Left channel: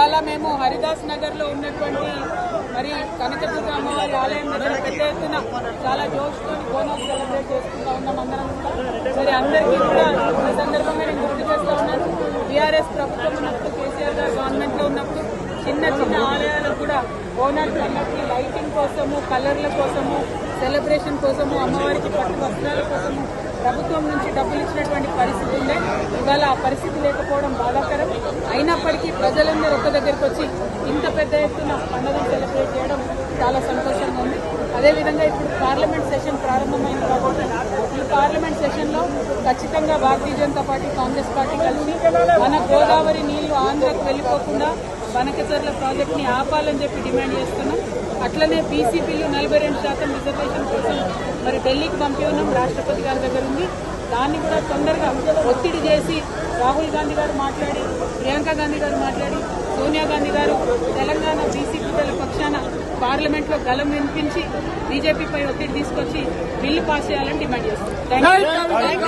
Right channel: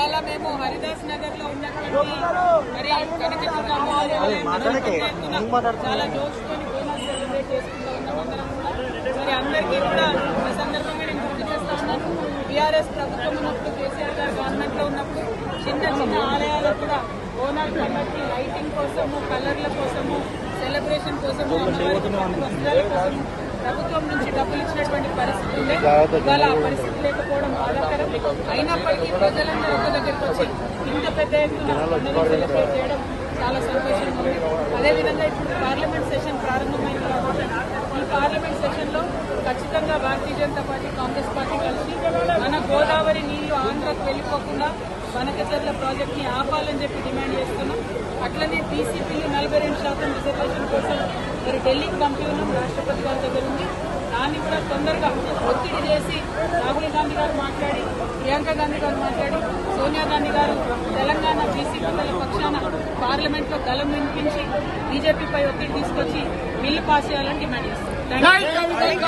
ఇవాళ మేము హరిదాస్ నగర్ లో ఉన్నటువంటి మరి కనకదుర్గ అమ్మవారి ఆలయం దగ్గర పెద్ద ఎత్తున చాలా జోష్తోని బోనస్ సెలబ్రేట్ చేసుకుంటా ఉన్నాం అందరం కూడా. మరి అందరికీ కూడా ఈ సందర్భంగా నేను గుర్తు చేస్తా ఉన్నాను, టీఆర్ఎస్ ప్రభుత్వం ఉన్నప్పుడు, కేసీఆర్ గారు గవర్నమెంట్ లో ఉన్నప్పుడు చిన్న చిన్న ఆలయాలకు కూడా బోనస్ పండుగకి లైటింగ్ కోసము, కలర్ల కోసము, సెలబ్రేషన్ కోసము, అమ్మవారికి పట్టు వస్త్రాల కోసము ప్రభుత్వం నుంచి డబ్బులు ఇచ్చినటువంటి పరిస్థితి ఉండే. ఇవాళ ఆ పరిస్థితి లేకపోవడం బాధాకరం. అయినప్పటికీ ప్రజలందరూ ఒక్క దగ్గరకు వచ్చి ఇంత పెద్ద ఎత్తున పండుగను సెలబ్రేట్ చేయడం చాలా సంతోషంగా ఉంది. అదేవిధంగా ఇప్పుడు పార్లమెంట్ సెషన్ ప్రారంభమైంది కాబట్టి ఈ పార్లమెంట్ సెషన్ లో ఖచ్చితంగా భారతీయ జనతా పార్టీ, కాంగ్రెస్ పార్టీ కలిసి మన గోదావరి నీళ్లు ఆంధ్రకు వెళ్లిపోకుండా బనకచర్ల ప్రాజెక్ట్ ని ఆపాలని చెప్పి డిమాండ్ చేస్తున్నాం. అట్లనే పీసీపీలు 42% రిజర్వేషన్ కోసం మరి ఢిల్లీకి పంపి ఉన్నాం, రాష్ట్రపతి గారి దగ్గర ఉంది. దాన్ని కూడా తొందరగా ఒత్తిడి చేసి రాహుల్ గాంధీ గారు మాట్లాడి, ప్రియాంక గాంధీ గారు మాట్లాడి, సోనియా గాంధీ గారు తెలంగాణ బీసీ పక్షాన పార్లమెంట్ లో గలం వినిపించి బీజేపీపై ఒత్తిడి తీసుకొచ్చి బిల్లు పాస్ చేయాలని డిమాండ్ చేస్తున్నారు.